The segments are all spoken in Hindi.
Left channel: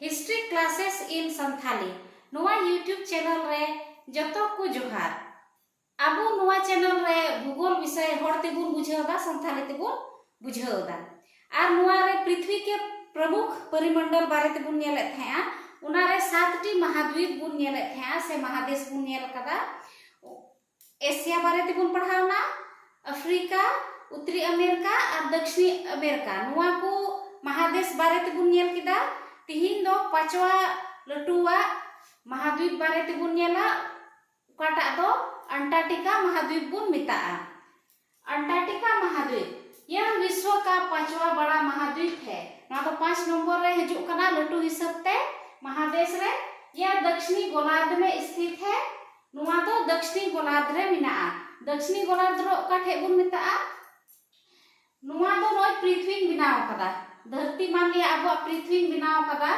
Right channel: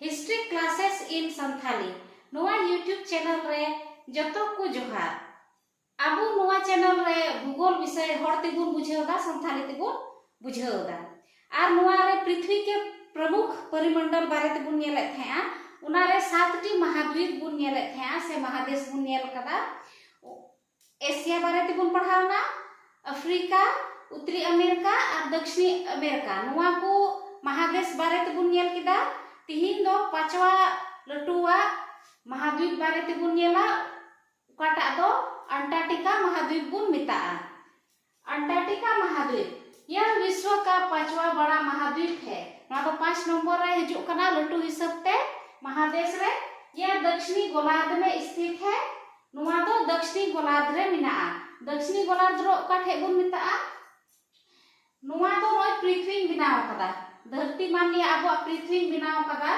हिस्ट्री क्लासेस इन संथाली नोआ यूट्यूब चैनल रे जतो को जोहार। आबो नोआ चैनल रे भूगोल विषय हड़ते बुन बुझावदा संथाली ते बुन बुझावदा आर नोआ रे पृथ्वी के प्रमुख परिमंडल बारे ते बुन नेले थाया उना रे 7टी महाद्वीप बुन नेले थाया से महादेश बुन नेल कदा। एशिया बारे ते बुन पढ़ावना, अफ्रीका, उत्तरी अमेरिका और दक्षिणी अमेरिका नोआ को महादेश बारे ते बुन नेल किदा। तिहिन दो पांचवा लटुआ महाद्वीप बारे ते बुन नेला काटा दो अंटार्कटिका महाद्वीप बुन मिताआ। अंटार्कटिका महाद्वीप यह विश्व का 5वां बड़ा महाद्वीप है। ना तो 5 नंबर रे हिजु कना लटु हिसाब ते महादेश रे। यह दक्षिणी गोलार्ध में स्थित है। नुआ तो दक्षिणी गोलार्ध रे मिनाआ। दक्षिणी गोलार्ध रो का ठे बुन मिताआ। नुआ तो नोय पृथ्वी बनाव कदा धरती मान लिया अब पृथ्वी बनाव कदा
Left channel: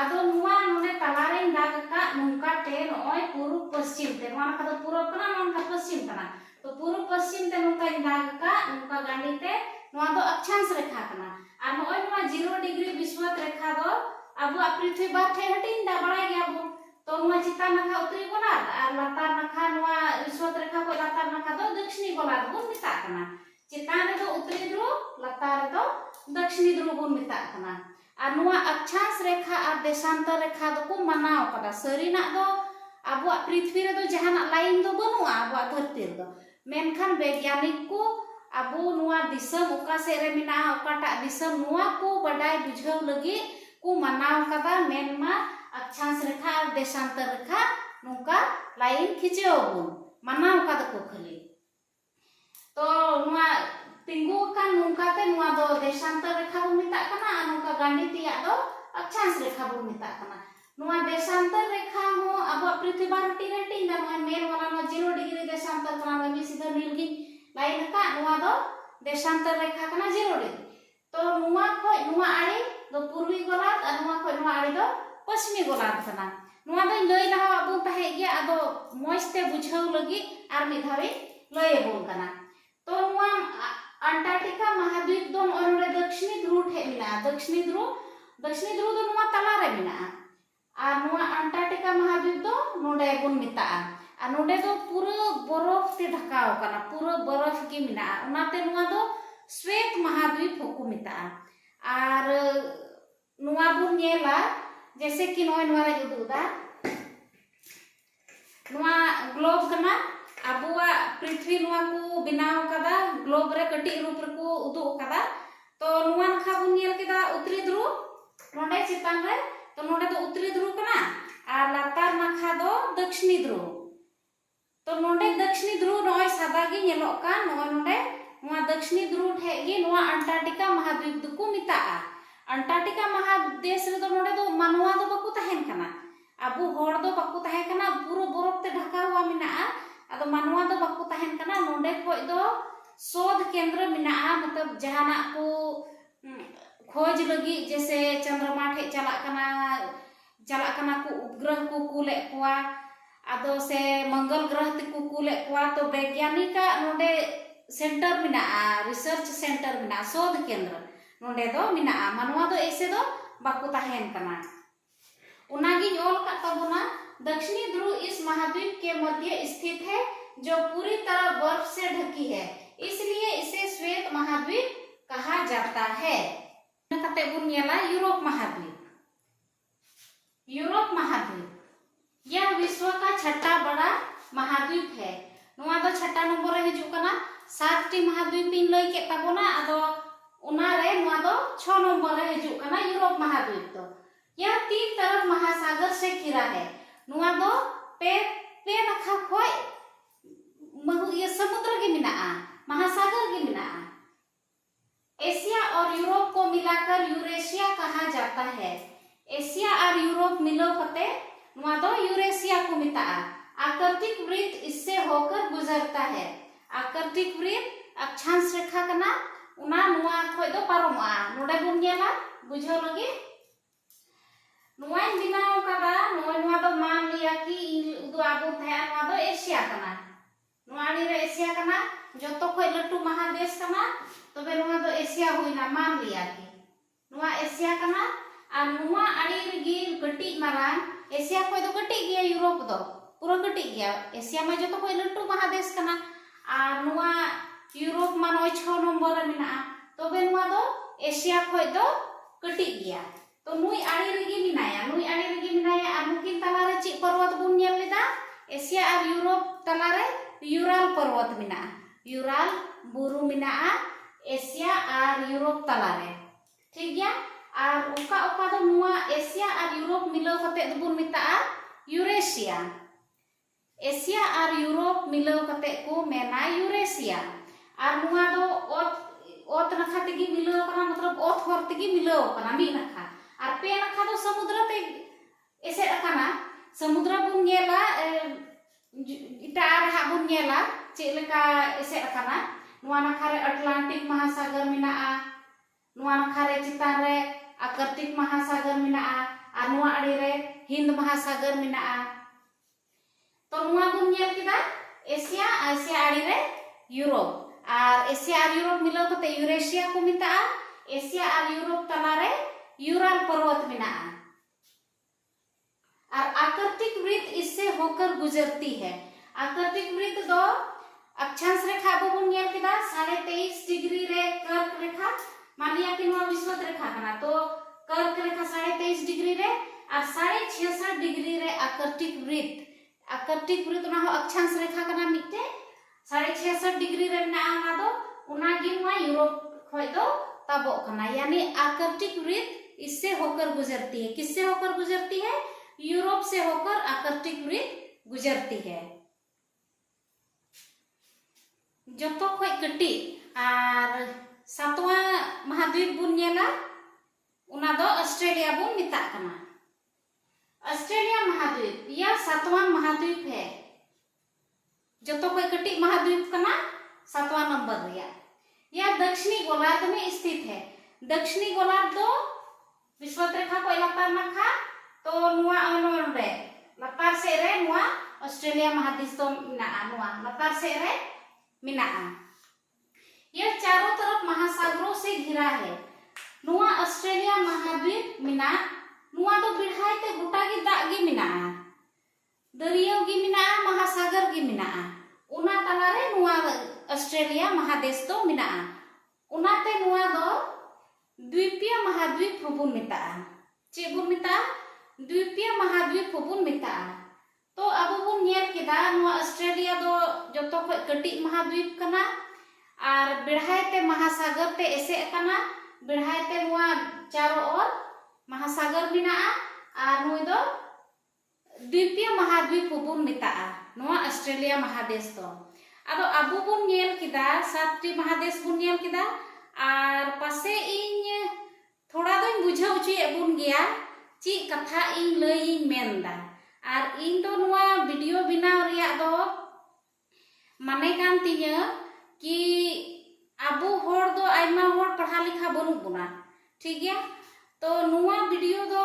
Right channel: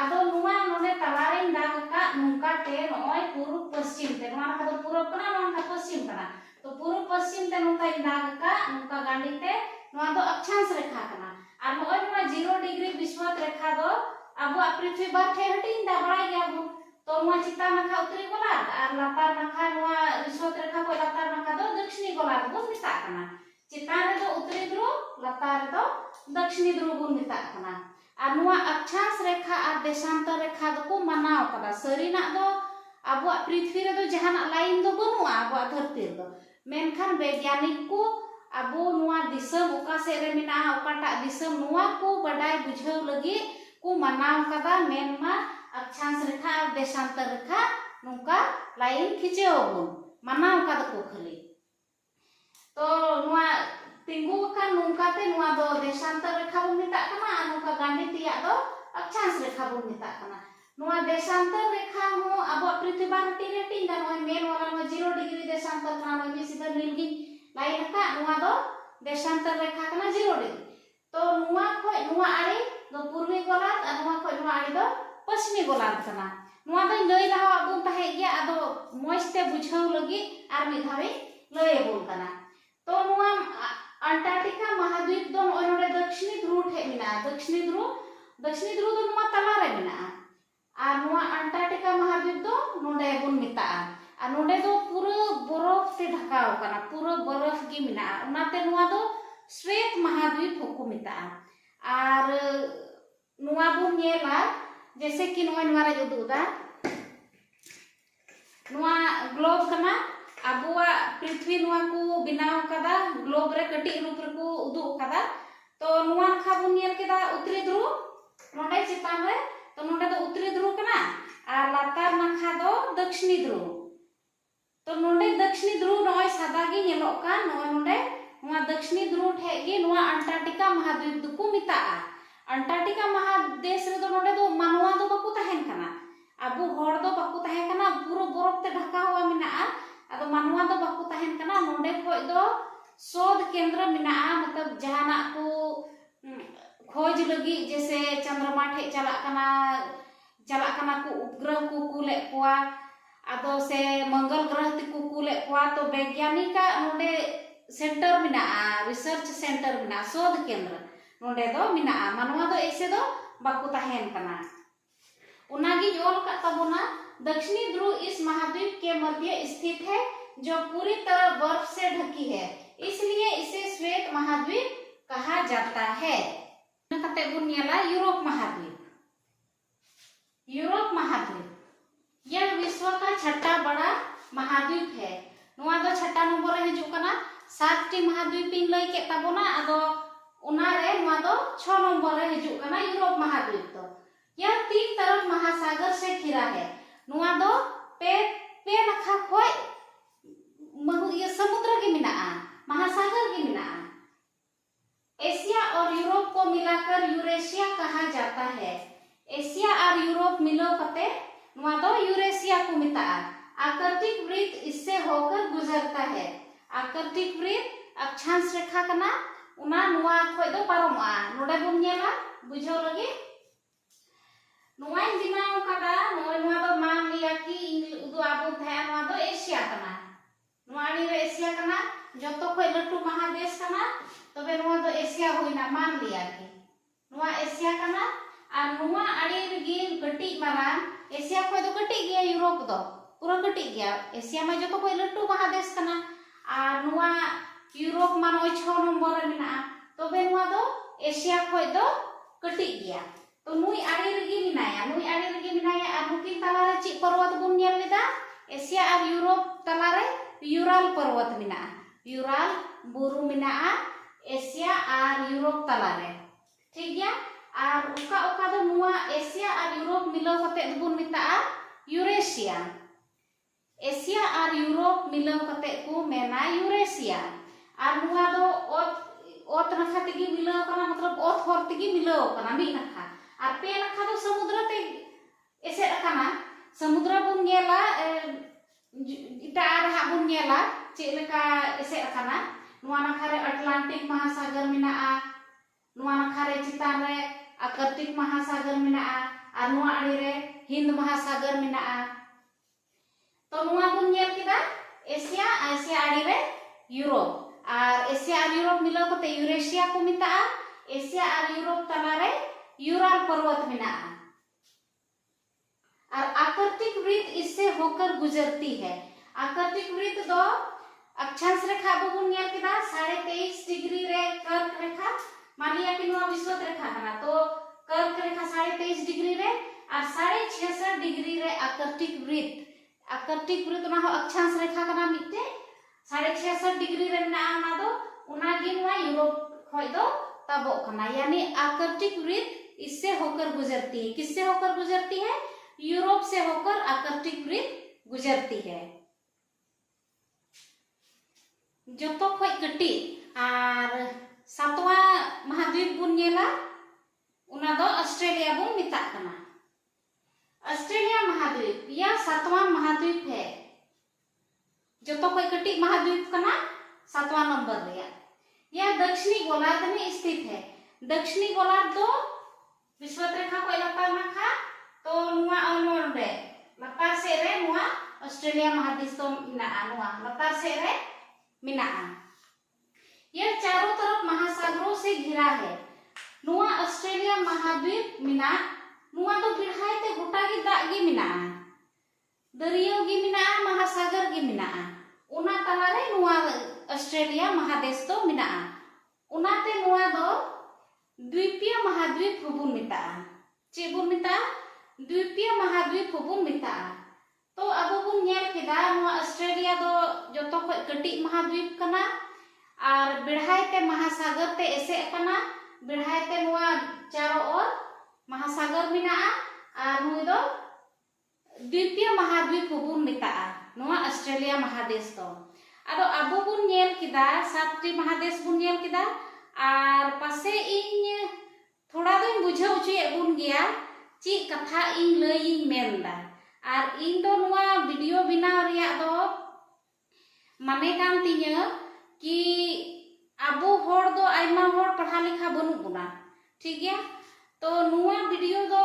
आदो नुआ नोने तलारे दाग का नुका ते नोय पूर्व पश्चिम ते नुआ का पूर्व कना नुआ पश्चिम कना तो पूर्व पश्चिम ते नुका दाग का नुका गांडी ते नुआ दो अक्षांश रेखा कना आ नोय नुआ 0 डिग्री विषुवत रेखा दो अब पृथ्वी बार ठे हटिन दा बड़ा गया बो तो नुआ चिता नखा उत्तरी गोलार्ध आ लातार नखा नुआ विषुवत रेखा को लातार नखा दो दक्षिणी गोलार्ध बो मिता कना। चितान रे दो उत्तरी ध्रुव लातार रे दो दक्षिणी ध्रुव बो मिता कना। आ नुआ अक्षांश रेखा और देशांतर रेखा दो को मनाव कदा। सरीना दो अब पृथ्वी रे दो जहाना लाइन दो बनुआ अब धरती दो मेनखान वैज्ञानिक को अब नुआ दिसम ओका से रे मिना ओकाटा दिसम नुआ को बडाय बुझाव लगी को मनाव कदा। मेनमा अक्षांश रेखा और देशांतर रेखा नुका लाइन खिचेओ मनाव कदा को खाली तो नुआ तिंगु का नुका ते नुआ दो देशांतर रेखा बो मिता कना आ नुका गांडी तिया दो अक्षांश रेखा बो मिता कना। नुआ देशांतर रेखा हो अब पृथ्वी बारटी रेटिंग दा नुआ मेल वाला नुआ 0 डिग्री देशांतर कना नुआ मी सीधा नीलगी लाइन का नुआ दो देशांतर रेखा कना 0 डिग्री तो नुआ खो नुआ आड़ी दो पूर्वी गोलार्ध आ नुआ खो नुआ आड़ी दो पश्चिमी गोलार्ध कना। नुआ दो लई लहा अब ताहे गया आदो मोजते बुझाव लगी आर मी धावे लय बोल कना। तो नुआ अंटार्कटिका महाद्वीप दो नोय दक्षिणी ध्रुव ठे मिना। दक्षिणी ध्रुव दो नुआ तला रे मिना आ नुआ अंटार्कटिका महाद्वीप दो नोडे बुन मिता आ नोडे दो पूरा बरफ ते ढकाव कना पूरा बरफ गी मिना उनाते नुआ दो श्वेत महाद्वीप होको मिता। आर नुआ बुन नेला जैसे कि नोय नुआ रे उदुदा नुआ ग्लोब कना अबुआ पृथ्वी नुआ को बनाव कदा ग्लोब रे कटी रूप रे को उदु कदा। तो नुआ खा बुन नेल केदा उत्तरी ध्रुव नोडे चितान रे तो नोडे दो उत्तरी ध्रुव कना आ लातार नाखा दो दक्षिणी ध्रुव तो नोडे दक्षिणी ध्रुव नोय सादा गे नेलो का नोय नोडे नुआ दक्षिणी ध्रुव ठे गे नुआ अंटार्कटिका महाद्वीप दो को मिताआ। अंटार्कटिका महादेश रे दो नोडे दो मानवा दो बाकू तहेन कना अबु होड़ दो बाकू तहे कना पूरा बरफ ते ढका हुआ मिनाआ अदो मानवा दो बाकू तहेन कना। नोडे खोज दो शोध केंद्र मिनाआ मतलब जहाना को खोज लगी जैसे चंद्रमा ठे चला कना को उपग्रह को कुले कोआ अदो से मंगल ग्रह ते को कुले कोआ तो वैज्ञानिक नोडे सेंटर मिनाआ रिसर्च सेंटर मिना शोध केंद्र नोडे दो मिनाआ। मानवा दो ऐसे दो बाकू तहेन कना उनागी ओल का तबना दक्षिणी ध्रुव इस महाद्वीप के मध्य स्थित है जो पूरी तरह बर्फ से ढकी है इसलिए इसे श्वेत महाद्वीप कहा जाता है। यूरोप महाद्वीप। यूरोप महाद्वीप यह विश्व का 6ठा बड़ा महाद्वीप है। नुआ दो 6ठा नंबर रे हिजु कना 7टी महाद्वीप इन लई के तबना आदो उना रे नुआ दो 6 नंबर रे हिजु कना यूरोप महाद्वीप। तो यह 3 तरफ महासागर से घिरा है। नुआ दो पे नखा खोय मनु ये समुद्र के मिनाआ महासागर के मिनाआ। एशिया और यूरोप को मिलाकर यूरेशिया कहा जाता है। एशिया और यूरोप मिलो कते नुआ दो यूरेशिया को मिताआ। आकृतिक वृत्त इससे होकर गुजरता है। आकृतिक वृत्त अक्षांश रेखा कना उना नुआ खोय दो पारमआ नोडे बुन नेला बुझाव लगे नुआ बिनाव कदा नुआ दो मान लिया कि उदु आबो थाया नुआ दो एशिया कना नुआ आनी रे एशिया कना जतो खोय लटू महादेश कना तबे नुआ दो एशिया होइना मान लिया कि नुआ एशिया कना आ नुआ आनी रे मारांग एशिया खय दो कटी गया यूरोप दो पूरा कटी गया एशिया में जो खय लटू महादेश कना और नुआ यूरोप मा 6 नंबर रे मिना तबे नुआ दो एशिया खय दो कटी गया तो नुई आड़ी रेगी मिनाया और नुकिन तला रे ची पर्वत बुन नेल लेदा एशिया और यूरोप तला रे यूराल पर्वत मिना यूराल बुरु मिना एशिया और यूरोप तला रे ठीक गया और उका उका दो नुआ एशिया और यूरोप मिलाव कते बुन मिता यूरेशिया एशिया और यूरोप मिलाव कते को मेना यूरेशिया और नुआ दो ओत नखा तेगी मिलाव कना मतलब ओत हर तेगी मिलाव कना मी नखा और पे नखा दो समुद्र ते एसे रखना समुद्र बुन नेला इता रहा बुन नेला चेलका एसे रखना नुआ नखा रे अटलांटिक महासागर मिना नुआ नखा रे चितान रे आर्कटिक महासागर मिना और नुआ आड़ी रे हिंद महासागर मिना तो नुआ बुन नेल किदा एशिया आड़ी रे यूरोप और एशिया और यूरोप मिलाव कते यूरेशिया को मिता एशिया और यूरोप तला रे यूराल पर्वत मिना और आर्कटिक वृत्त इससे होकर गुजरती है आर्कटिक वृत्त दो अक्षांश रेखा बुन नेल किदा 23.5 डिग्री रे कर्क रेखा मान लिया कि नुआ विषुवत रेखा कना तो कर्क रेखा 23.5 डिग्री रे और 66.5 डिग्री रे आर्कटिक वृत्त ना हो अक्षांश रेखा कना मिटे 66.5 डिग्री रे ना ना दो उना गी नुआ यूरोप खय दो तबो कना यानी आर्कटिक वृत्त इससे होकर गुजरती है किससे होकर गुजरती है यूरोप से होकर आर्कटिक वृत्त गुजरती है जो तो खय कटी और सातवा महाद्वीप बुन नेला उना दो ऑस्ट्रेलिया बुन मिता कना ऑस्ट्रेलिया महाद्वीप या सातवां महाद्वीप है जो तो खय कटी महाद्वीप कना सातवां नंबर रिया यह दक्षिणी गोलार्ध में स्थित है दक्षिणी गोलार्ध दो विषुवत रेखा को लातार नखा तो नुआ अनोन रे लातार से रे नुआ ऑस्ट्रेलिया महादेश तो मिना नुआ लातार से रे मिना यह चारों तरफ महासागरों से घिरा है नुआ ऑस्ट्रेलिया महाद्वीप मिना नुआ तो बिढ़ाई ते गोटा गी दाग गी मिना दरियो गी मिना महासागर गी मिना उना तला रे नुआ ऑस्ट्रेलिया महादेश तो मिना उनाते नुआ दो द्वीपीय महाद्वीप बुन मिता चे बुन मिता द्वीपीय महाद्वीप बुन मिता तो अब बुन नेल केदा नुआ ऑस्ट्रेलिया दो जतो खय कटी महाद्वीप कना और बिढ़ाई ते महासागर ते एसे कना बिढ़ाई ते नुआ चारों ओर महासागर मिना और नुई दो द्वीपीय महाद्वीप बुन मिता नुआ ऑस्ट्रेलिया महादेश तो अब अबो बुन नेल केदा 7टी महादेश बुन नेल केदा और पासे इन थोड़ा दिन बुझाव उचे बुन गया ची कथा इन लई मेनदा और इन दो नुआ वीडियो बनाव रिया दो माने कान तिया कि अबो होड़ दो आइमा होड़ पढ़ा लिखा बनु बुना ठीक गया तो नुआ वीडियो दो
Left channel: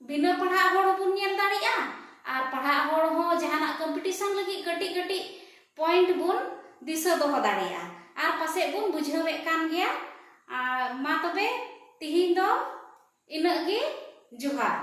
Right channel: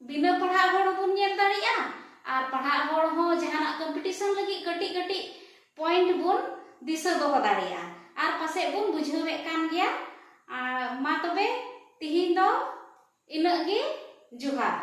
बिना पढ़ा होड़ बुन नेल दाड़िया और पढ़ा होड़ हो जहाना कंपटीशन लगी गटी गटी पॉइंट बुन दिशा दो दाड़िया और पासे बुन बुझावे कान गया मा तबे तिहिन दो इना गे जुहार।